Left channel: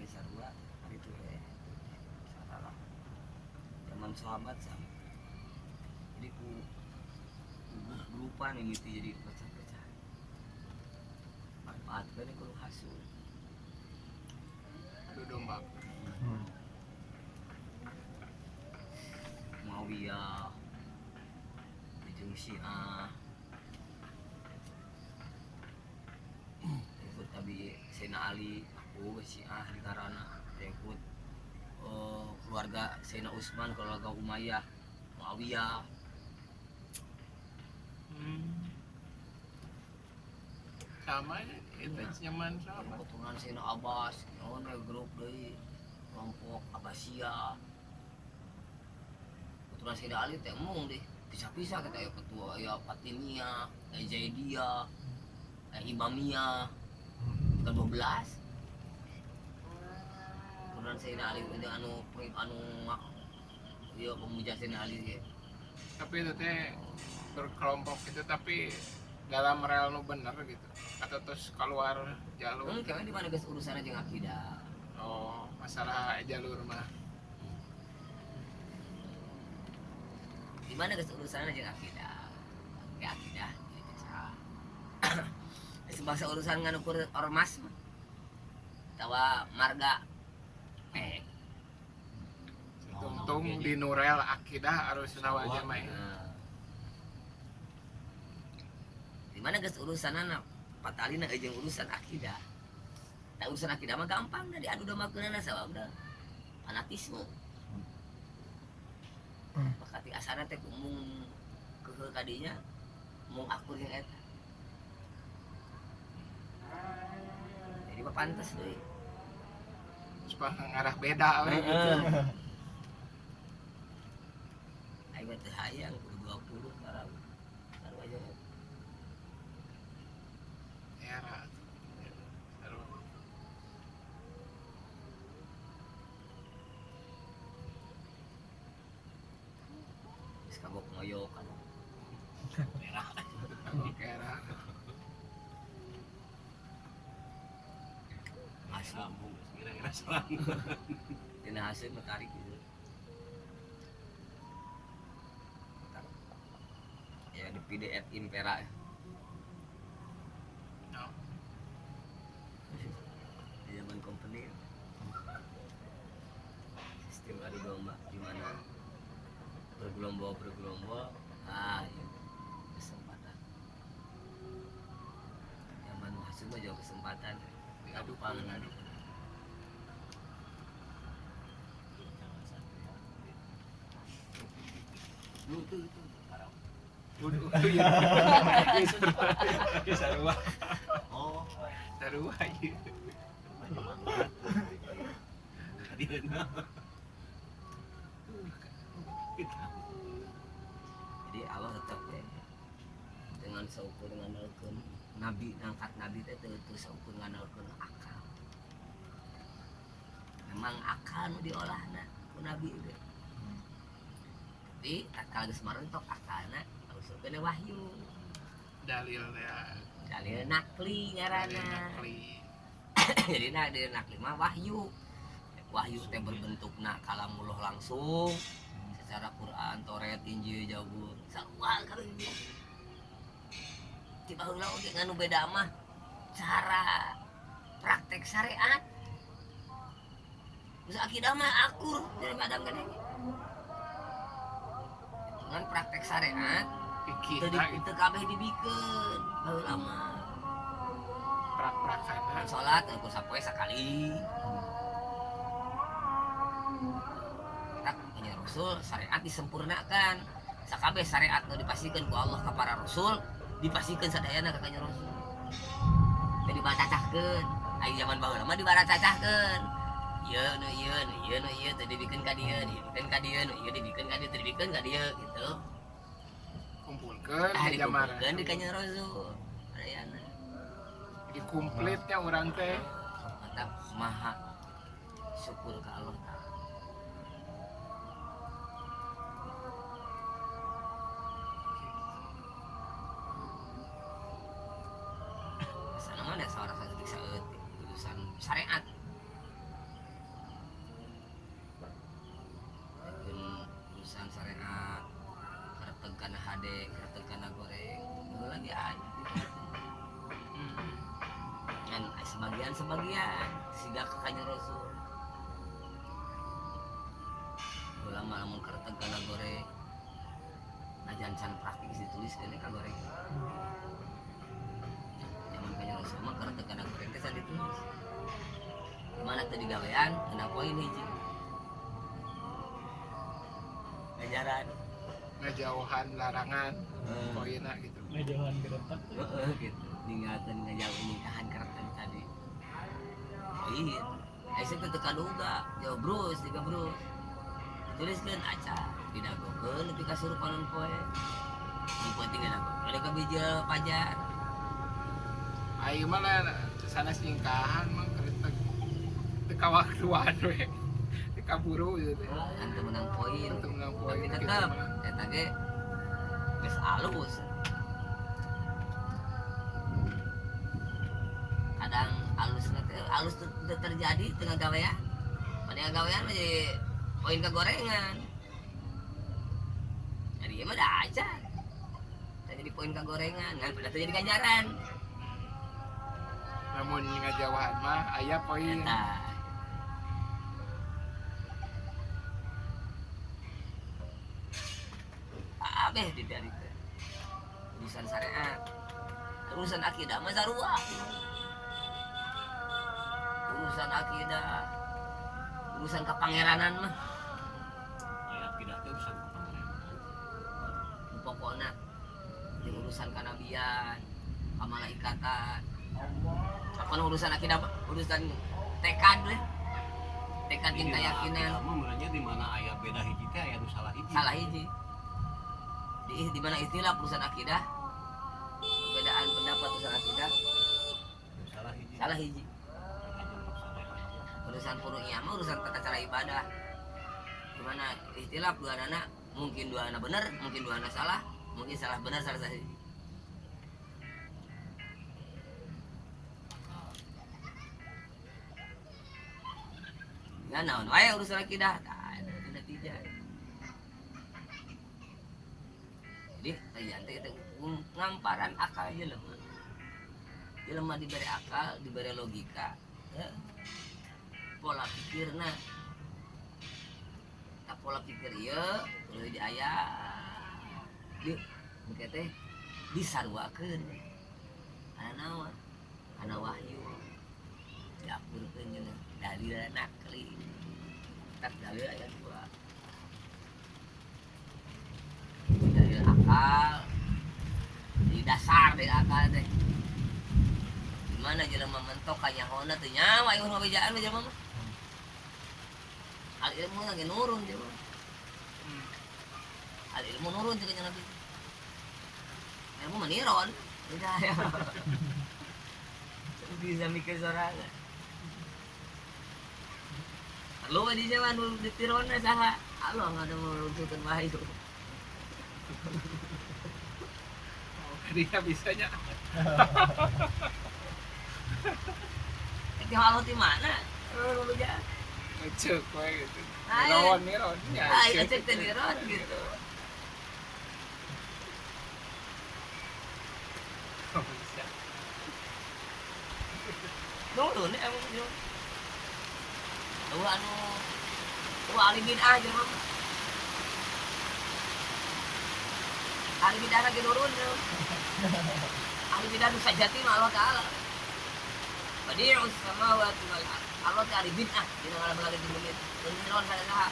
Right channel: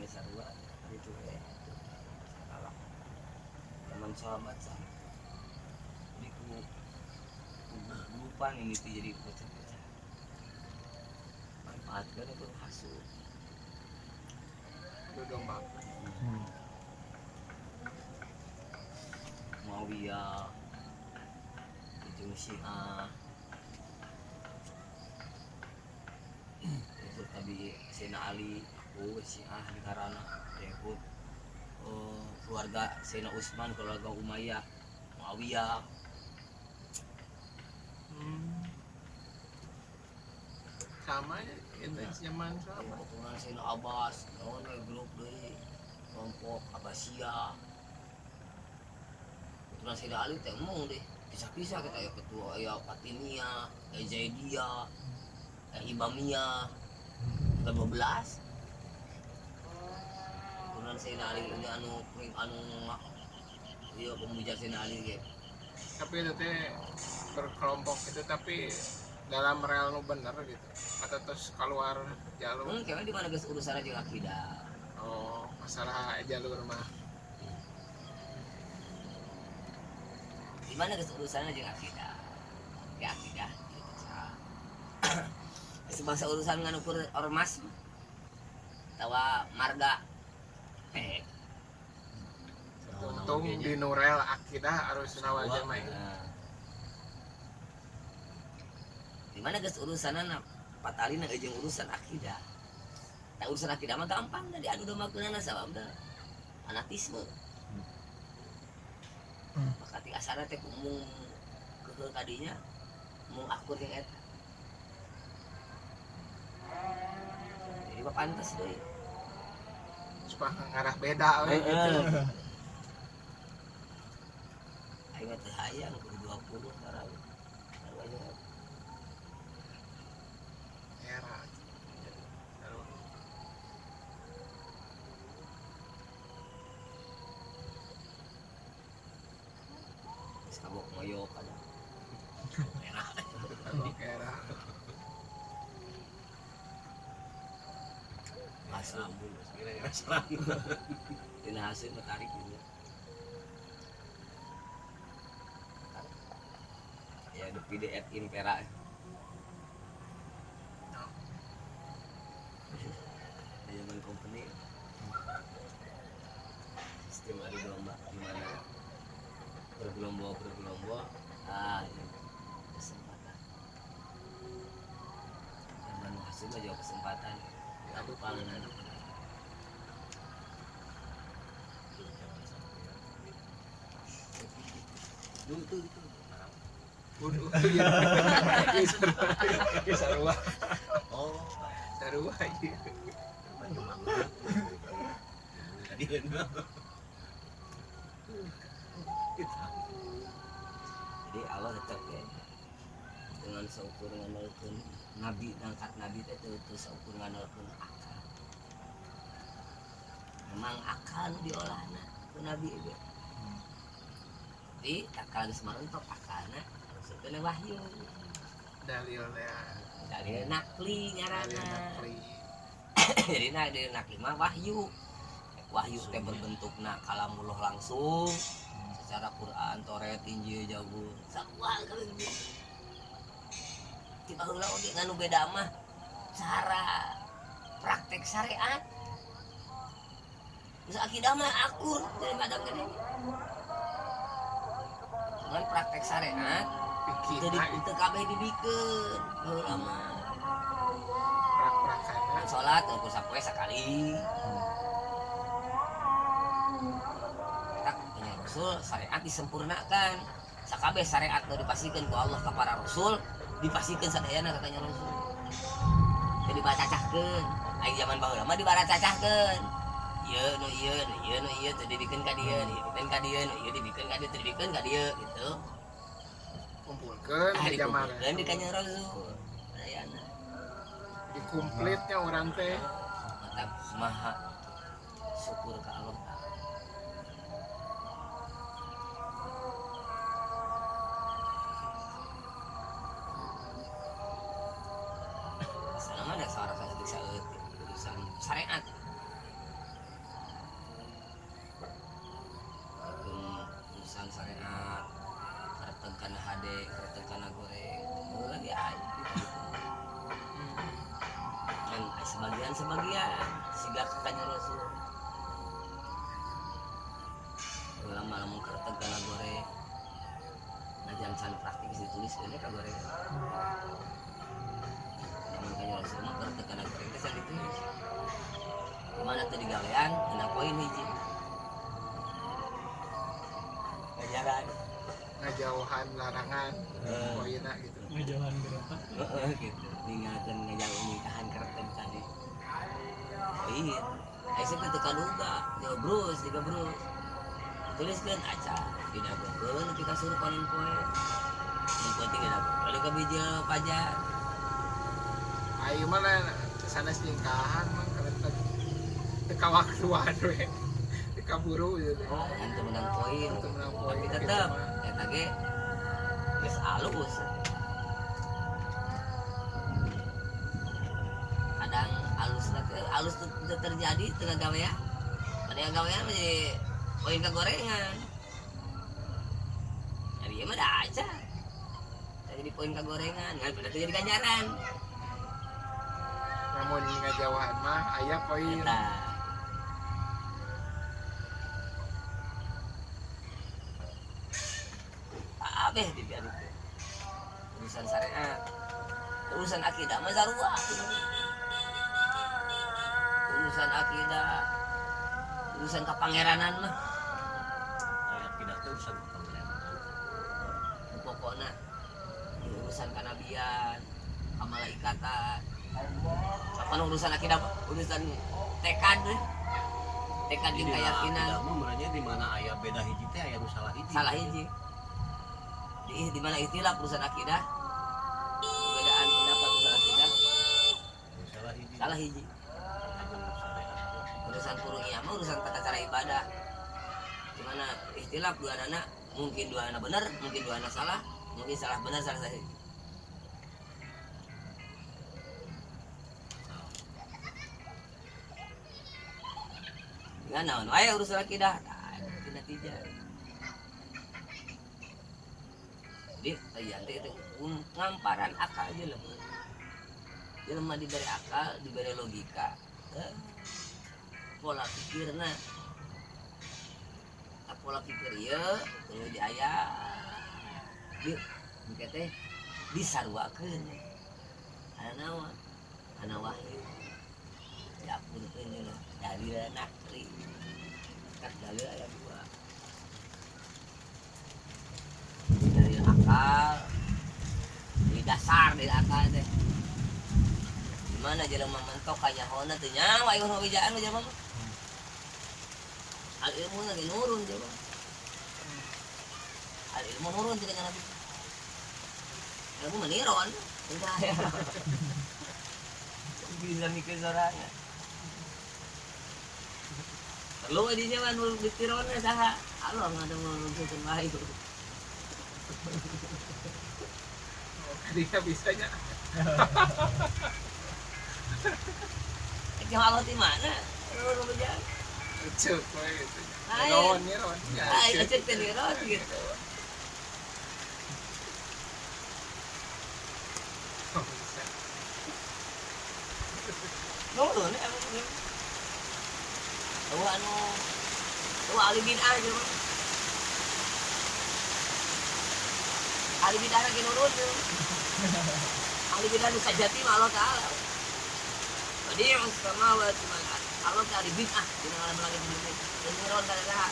aing sarua hari itu saralah teman sahabat sama jadi ku grupan yang itu jadi pecah-pecah manfaatkan itu hasut adu domba. Muawiyah jeung Syiah ikut tadi Sayyidina Ali aku Syiah di karana ikut keluarga Sayyidina Utsman keluarga Umayyah Muawiyah Sama ya itu nyaman sama. keturunan Sayyidina Abbas lawan grup deui kelompok Abbasiyah keturunan Sayyidina Ali teh emong deh pisah-pisah kita ya ketua ya Fatimiyah ya Zaidiyah ya Imamiyah ke 12 keturunan Sayyidina Ali ini anu iya pemuja Sayyidina Ali ge Tapi itu teh berkelompok itu tapi dalam rel nu bener gitu atau terus keluar jalur. kayaknya di mana guys urusannya jeung akidah Oh, masalah jalur mah. di mana guys urusannya jeung akidah tapi akidah gitu bisa sebangsa urusan nganukur ormas mah tawa marga Untung di Nurel akidah harus nawal jamaah. nah. Di mana guys urusanna patalina jeung urusan akidah tak urusan akidah mah gampang dah diadu dombakeunana sabab da fanatisme pakati asana teh mung keuheuh kadinya mung akur yang eta jadi mah pantes deui Supaya ngarah beda we gitu. aing mah teh hayang kudu 20 tarawih taruh aja eta. Era. Geus kagok moyo kadang merah Oke, era. asli Sambung kira-kira serang. dina hasil mah tarik gitu ya the PDF Impera No. zaman company sistem adu domba di mana bergelombol ini kesempatan zaman hasil mah jauh kesempatan Diadu paling adu. tuh Waduh, ya. Ya sarua. Oh, Sarua ieu. jadi Allah tetap ya dengan seukur nganalkeun nabi ngangkat nabi teh teu seukur nganalkeun akal memang akal nu diolahna ku nabi ge tapi akal geus marentok akalna harus kena wahyu Dalil ya. dalil nakli Dalil ngaranna nakli. jadi dalil nakli mah wahyu teh berbentukna kalamullah langsung secara Quran, Taurat, Injil, Zabur sarua kalau gitu di baheula oge nganu beda mah cara praktek syariat bisa akidah mah akur jadi kadang gede cuman praktek syariat Pikirna itu kabeh dibikeun baheula mah prak-prakana. salat ku sapoe sakali tak punya rasul syariat disempurnakan sakabeh syariat nu dipasikeun ku Allah ka para rasul dipasikeun sadayana ka kanjeng rasul teu dibaracahkeun ai zaman baheula mah dibaracahkeun ieu nu ieu nu ieu nu ieu teu dibikeun ka dieu dibikeun ka dieu nu ieu dibikeun ka dieu teu dibikeun ka dieu gitu Kumpulkeun di zaman. dikumpulkeun di kanjeng rasul sadayana Jadi komplitnya orang teh. mantap maha syukur ke Allah Ta'ala sana mah ada seorang saeutik urusan syariat sebagian siga kakaknya Rasul lama lamun kereteg kana goreng najan can praktis ditulis kene ka goreng zaman kanjeng Rasul mah kereteg kana goreng teh can ditulis gimana teu digawean eunang poin hiji ganjaran ngajauhan larangan poinna gitu. ngejauhan geretak gitu ninggalkeun ngajauh nikahan kereteg tadi poin aya teh teu kaduga jauh brus tiga brus tuliskeun aca didagokeun nepi ka surupanan poe nu penting didagokeun ada ka bija pajar Ayo mana sanes ningkahan mah keretek teka waktuan we teka buru gitu. kan teu menang poin Teu menang poin tapi gitu tetep mah. eta ge geus alus kadang alus teu terjadi teu gawean pada gawean jadi poin kagorengan jadi ieu mah da aca jadi poin kagorengan kan pada teu jadi ganjaran Namun ngajauhan mah aya poin. eta abeh di biar itu urusan syariat urusan akidah mah sarua urusan akidah urusan kapangeranan mah ayat tidak tuh urusan pangeran. nu pokona di urusan kanabian kamalaikatan apa urusan akidah urusan tekad deh tekad jeung keyakinan Tidak mah merenya di mana aya beda hiji teh aya nu salah hiji. salah hiji di mana istilah urusan akidah perbedaan pendapat urusan akidah Nu salah hiji. salah hiji Anu syariat. urusan furu'iyah mah urusan tata cara ibadah gimana istilah dua anak mungkin dua anak benar mungkin dua anak salah mungkin salah benar salah hiji ya naon wae urusan akidah tidak tiga jadi ayan teh itu ngamparan akal jelema jelema diberi akal diberi logika pola pikirna tak pola pikir ieu tuluy di aya di engke teh disarwakeun kana naon kana wahyu diapurkeun jeung dalil nakli tak dalil aya dua dalil akal di dasar dari akal teh gimana jelema mentok ka nyahoana teu nyawa ieu mah bejaan we jelema mah al ilmu lagi nurun jelema al ilmu nurun jeung ka nabi ilmu meniron udah ya bisa mikir sorangan perlu di jalan di tirona saha Allah nggak ada mau lucukan bahayu Oh, kadinya bisanya. itu Allah di mana lu bejaan Cek we gitu. Ayo. Miron. Ya, itu cek teniron gitu Oh, bisa. nurun emang jelema tuh anu tuh ahli bid'ah jelema ahli bid'ah lagi nurun tuh ahli bid'ah nu sajati mah Allah taala badi'us samawati wal ard Allah teh ahli bid'ah dina ngaran lagi di bumi teu ngiron kana saha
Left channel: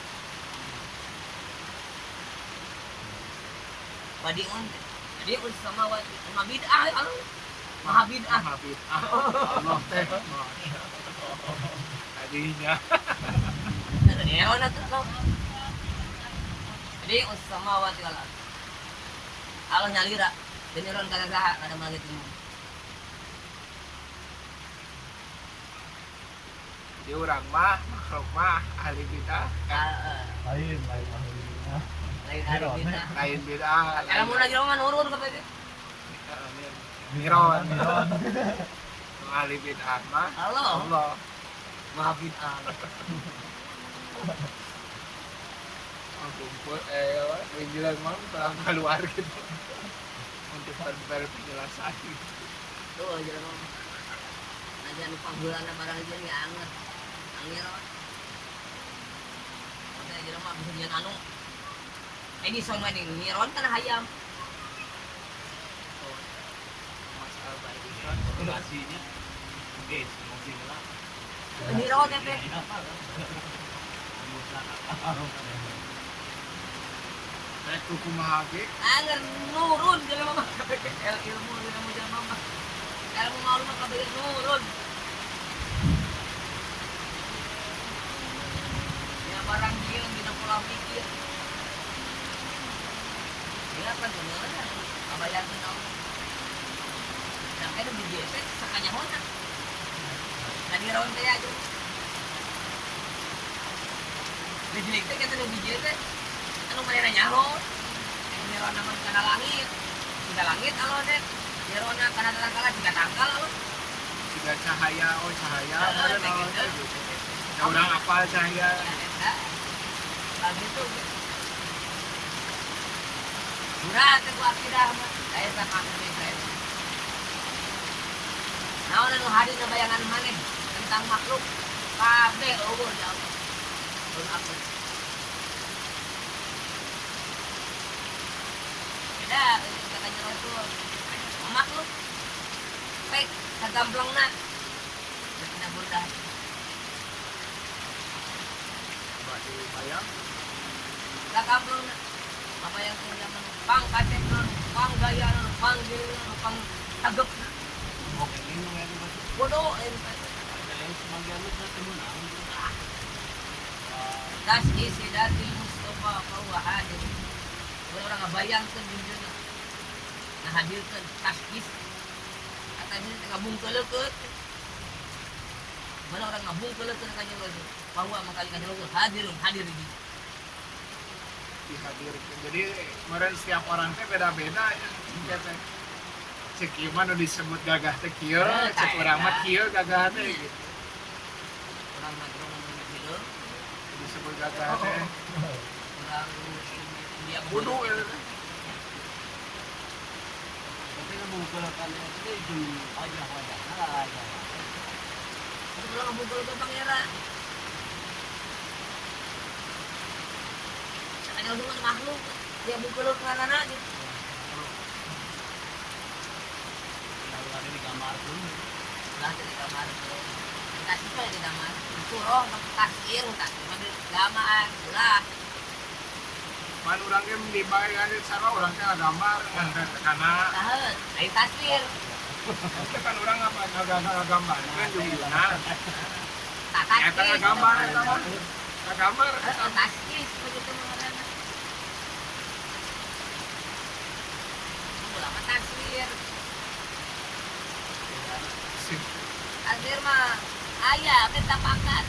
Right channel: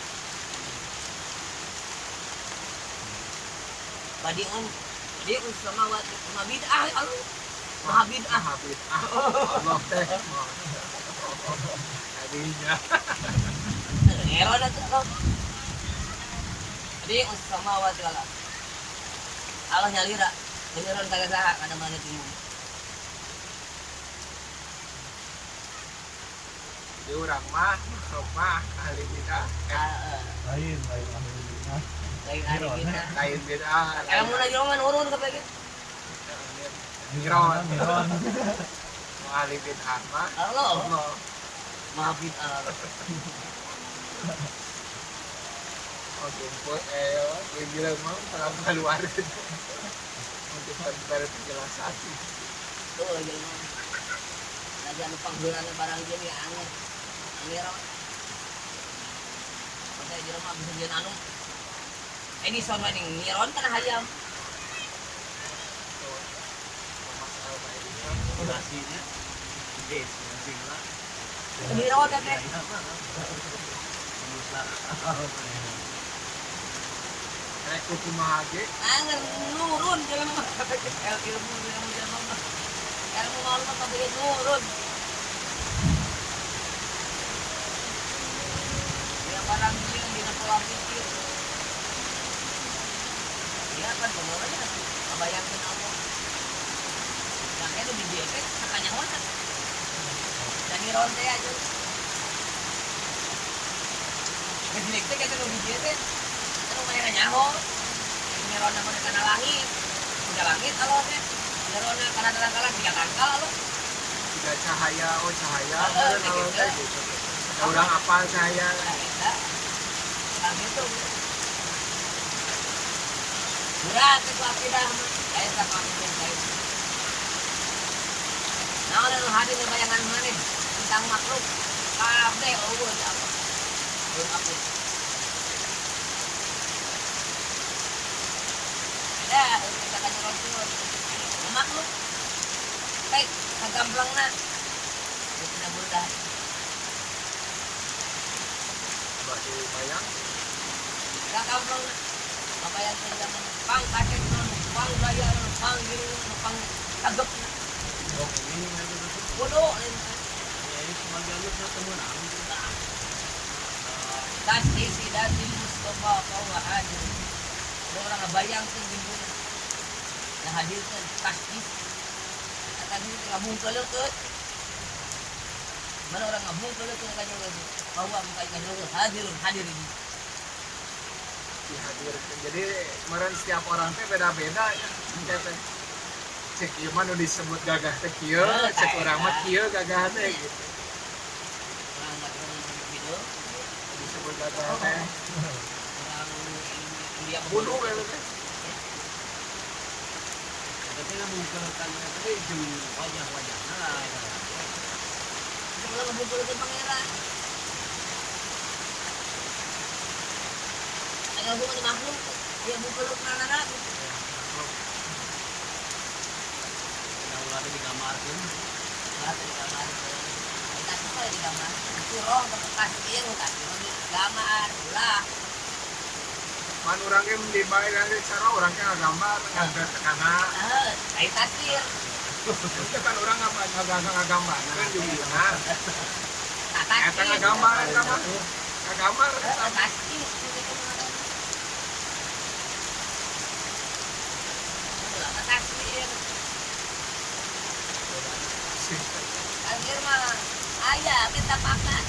badi'us samawati maha bid'ah Allah maha bid'ah Habis. Allah teh. Kadinya. ngiron atuh Allah badi'us samawati wal ard Allah nyalira teu ngiron kana saha kana langit di bumi Jadi urang mah makhluk mah ahli bidah. lain ahli rumah lain ahli bid'ah Lain bidah. kalau mun lagi roman urun ka PG Miron. Nu ahli bidah mah Allah Allah. maha bid'ah Oh, kumpul gue bilang mah kalau keluar gitu. Untuk penjelasan. tuh jelema Tadi anu panggeulana barang ieu nih anger. Anger apa? Makanya di rumah bisa nyeun anu. Edison mah ding nyiron kana hayam. masalah baik itu Durasinya guys masih ngelak Nyiron teh. kayak kuku mahage Anger nurun jelema mah ilmu jelema mah. Ilmu maul mah kabeh nurun. Dia barang dia dina pola pikir. Dia kan pengeuna abayangkeun Allah. Dan kan di dia teh sakanya honat. Dan nyiron teh aja. Kejelik teh kata nu bijeu teh anu manehna nyaho. Nyiron nama kana langit. Tiga langit alo teh. Nyiron kana tangkala tiga tangkal alo. tidak cahaya cahaya Heeh, meureun kalau gitu. teh gitu ya urang apal cahaya Eta langit tuh. Berat ku akidah mah. Aya sakakeureun saya. Naon anu hadir bayangan maneh tentang makhluk kabeh eueuh ya Allah. Eueuh aku. Beda kita kanjeng Rasul. Makhluk baik kagamplangna. Geus tina budak. batu bayang Kagamplangna. Apa yang teh zaman pang kasetna, pang gaya, pang giring, pang tagapna. oke ini kayak gitu Bodoh entar. sebagian lu sudah temenang Tas isi datil Mustafa kau hadir. Ada orang ngebayangkan dirinya. Ngahadirkan tasbih. Kata dia ngabungkelekeun. Mana orang ngabungkelekeun kanjeng Rasul. Bahwa mengkali kanjeng Rasul hadir ini. dihadirkan jadi meureun setiap orang teh beda-beda ya teh cek ieu mah nu disebut gagah teh kieu cek urang mah kieu gagah teh gitu Orang ngadrong gitu. disebut gagah teh Orang India kudu gitu teh tapi lu bukan kan tadi jum wajah nah Itu belum ngabungkelekeun pangeran. Kanjeng Rasul mah makhluk. Dia bungkeleuk nanana gitu. kalau ada di kamar pun Lah dari kamar ke kasih kali di kamar surong ke kasir kasih mah gambar ulah man urang ge di bae kan cara urang ge ngagambar ngantri tekana air kasir itu kan urang ngagambar kan jumlahna tak eta kasir ngagambar eta mah ngagambar eta kasir begitu mengarana ulah kasir kasir mah ayah minta pakat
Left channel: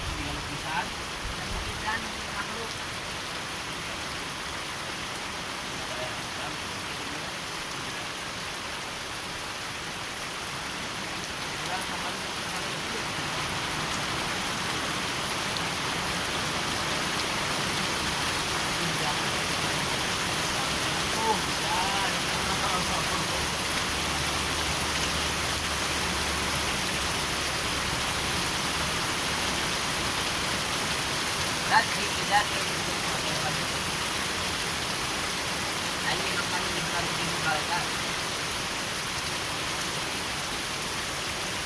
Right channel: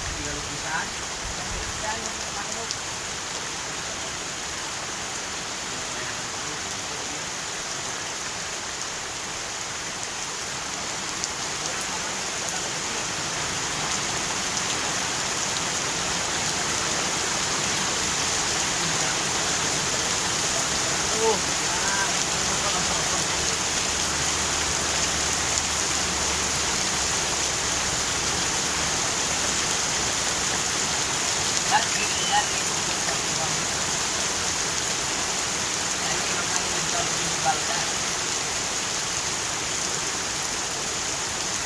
tinggal lukisan dan makhluk orang sama kecil lagi jadi makanya bisa dibalkan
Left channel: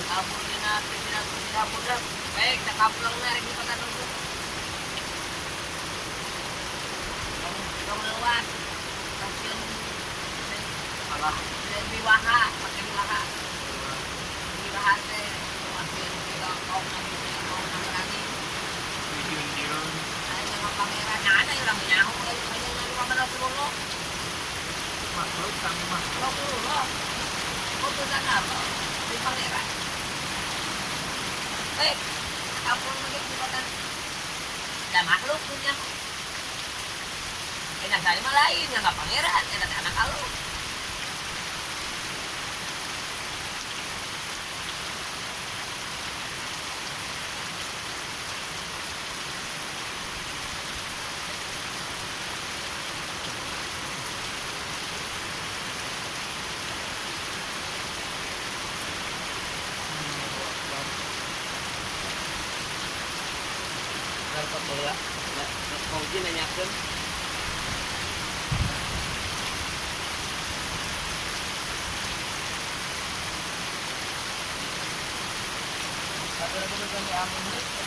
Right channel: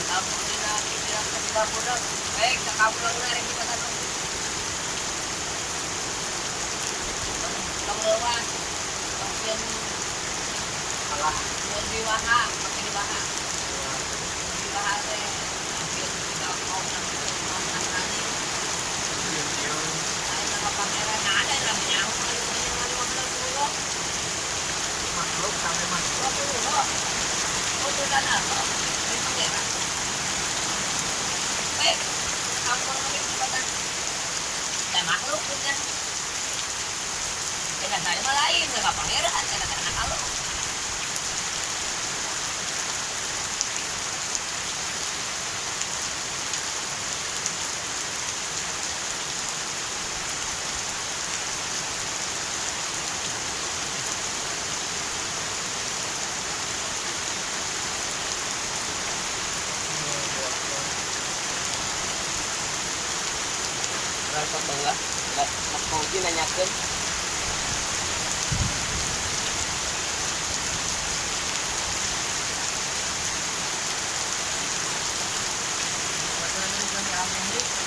kabur dina tidak mudah baik tak kabur narik di kota tunggu kau lewas pasien alah dan diwaha pakai diwaha teh pasien tidak kau nanti mau nasrani cium-cium Ay, mga pangeran ada yang lang nyaho kayo kayo nga mga kanapuro. makhluk sampai makhluk Makuro. O to sana to. May pangeran. Baik, kamu lagi kesempatan. Dan makhluk punya. Kena sari malain nggak pangeran, kena anak kalau. Rasa bangga. Enggak mungkin nanyakeun. Aturan itu kan diambil